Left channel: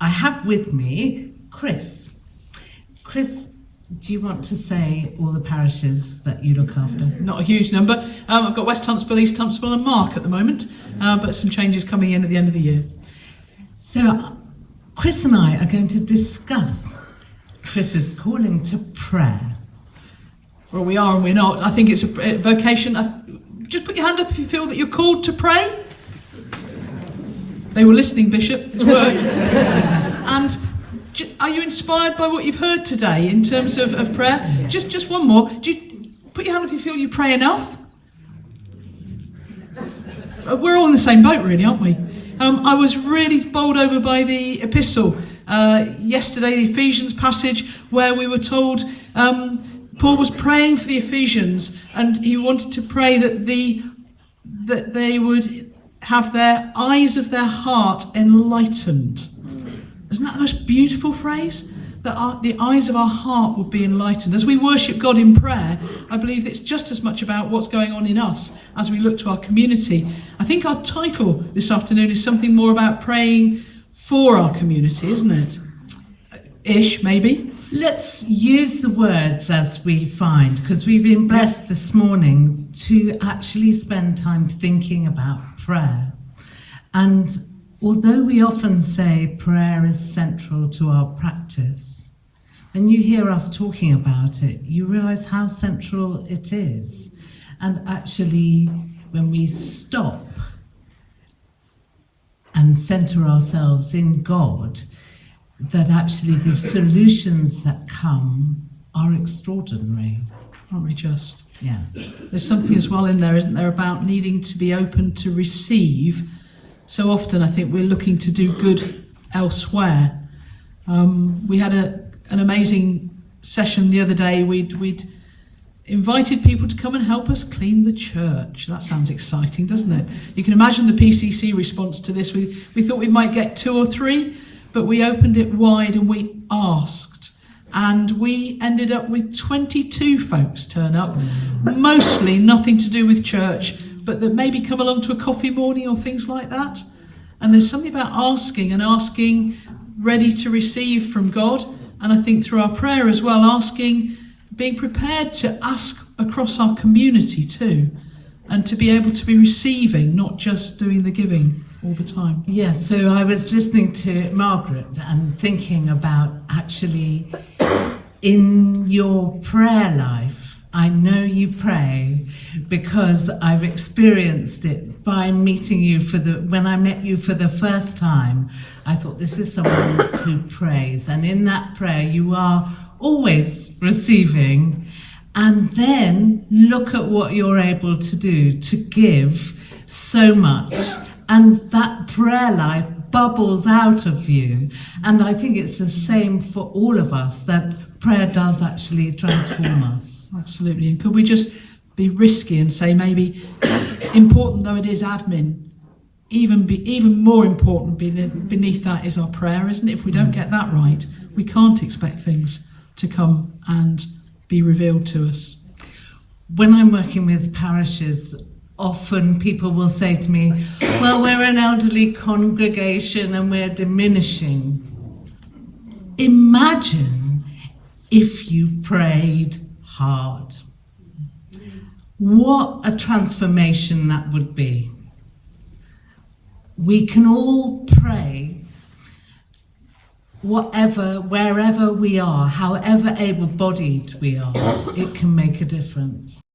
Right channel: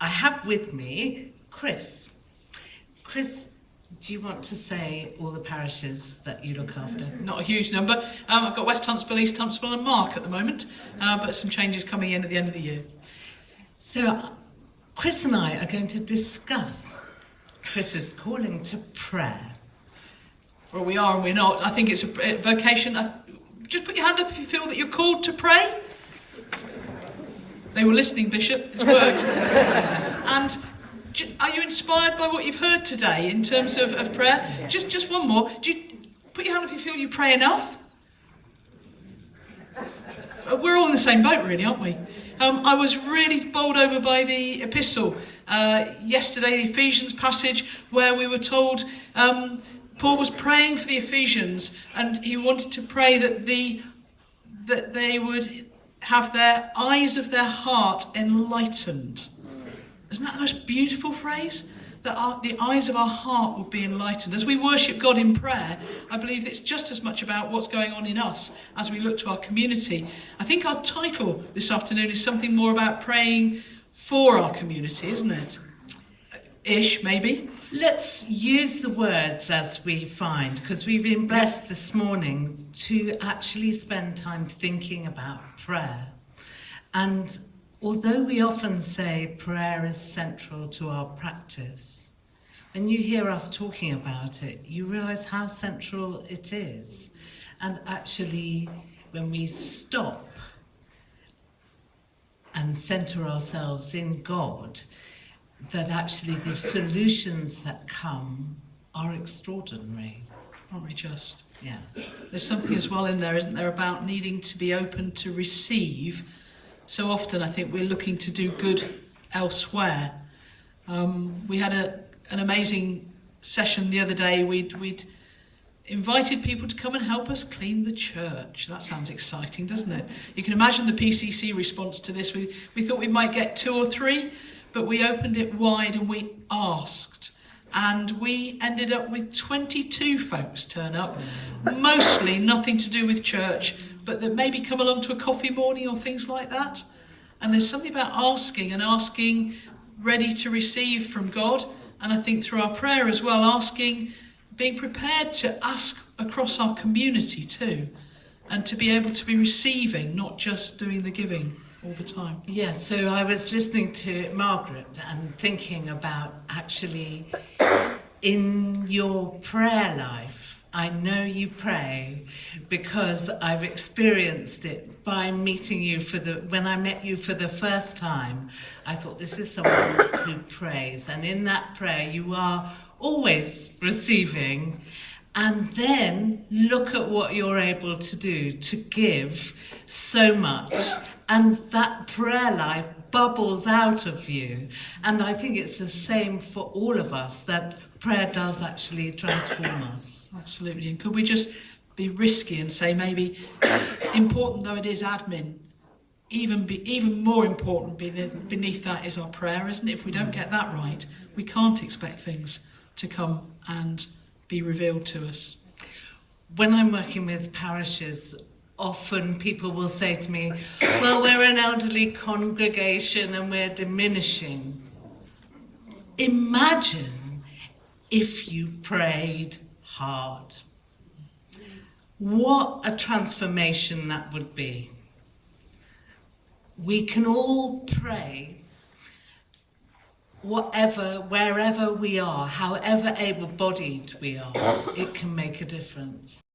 I have with me Chris. Chris, do you want to say all the parishes that you look after? Not a huge number. I've got West Huntsville, East Huntsville and Mark at the moment, but some changes coming in at the end of the year. So Chris and I are going to discuss Chris's calling to prayer. Well, we are and we're not. I think it's a vocation. Just put your hand up if you feel that you're called to pray. They were listening, Bishop. It's worked. And are you inspired by what you've heard today in terms of prayer? Yeah. Just one more. Do you put your hand up if you feel you pray enough? We're all in the same boat, really, aren't we? I was really bowled over by the epistle yesterday, the Ephesians passage, where we were told Paul was praying for the Ephesians, and he wanted to pray that they would have their eyes of their heart enlightened. Isn't that the most beautiful phrase? That the eyes of our heart would be enlightened. As we worship God in prayer, I believe it's just as much about what's going on in us as we look to our community. I think our title this afternoon is something more about praying for our community, isn't it? Ish, maybe. Let's use the words as we find, because we've been blessed this morning to actually spend time thinking about prayer. And although we often say prayer is central to our practice, when you hear us talking about it, you realise how central it is. And actually, when we stop and centre ourselves in God, that actually the solutions that come are extraordinary. Aren't we just? Yeah. There's something as well in there, isn't there, about needing to be open to receive. So often I think we're looking to do good elsewhere. We had an amazing session the other day. We'd invited people to come and help us clean the church. That sounds exciting, doesn't it? You can imagine the PCC response to this. We thought we might get 2 or 3, but we opened it wide and we asked. And we ended up with 22 folks turn up, mostly nothing to do with church, but that maybe come along to a coffee morning or things like that. And there's something about asking ready to receive from God. And I think through our prayer as well, being prepared to ask across our community too, and to be able to be receiving, not just doing the giving all the time. Yeah, so I was listening to Margaret and thinking about actually in your prayer life, I know you pray because I've experienced it by meeting you when I met you for the first time. I thought, this is someone who prays, and in that prayer you are always receiving, and then look at what you're able to do to give so much, and that prayer life bubbles out of you. And I think it's the same for all of us, that prayer does actually transform us. Absolutely. And could we just be risky and say, maybe, important though it is admin, even more important beneath that is our prayer, isn't it? If we don't get that right, we can't expect things to come and be revealed to us. When I'm working with parishes, often people will say to me, well, we're an elderly congregation and we're diminishing. Imagine if you prayed hard. What a transformation that would be. We can all pray wherever we are, however able-bodied we are, it can make a difference.